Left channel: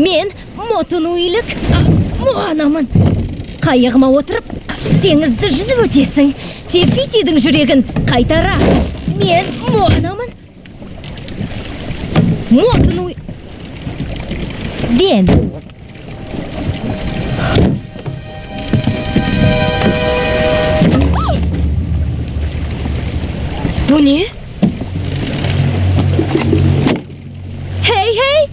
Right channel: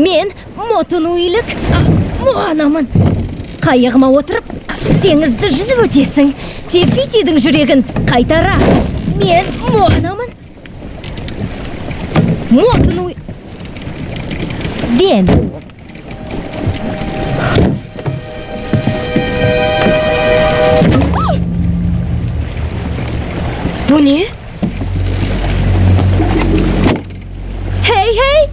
Мен мотун уйлык Муанамын. Қайығыма отырып, теңізді жүзіп өтесің. Тефитидің жүрегін қайтара. Мен Муанамын. Мотун уй... Ден. Bu ne? Hey hey!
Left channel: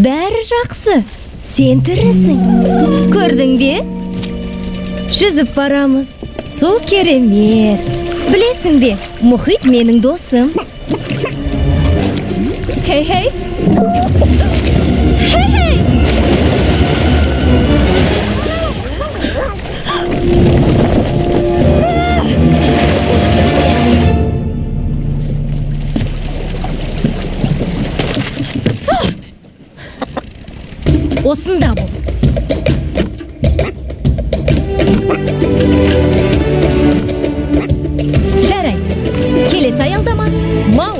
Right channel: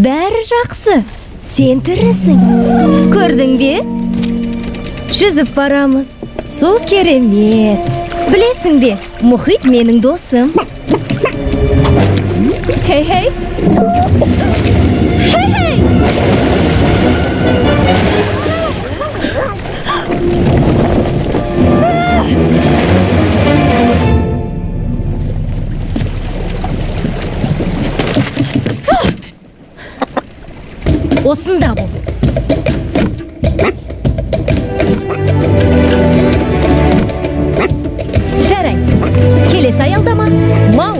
Бәрі жақсы. Сен тірісің. Көрдің бе? Жүзіп барамыз. Су керемет. Білесің бе, мұхит менің досым. Хей-хей. Хей-хей. Осында бол. Жарайды. Келесі аялдама. Мау.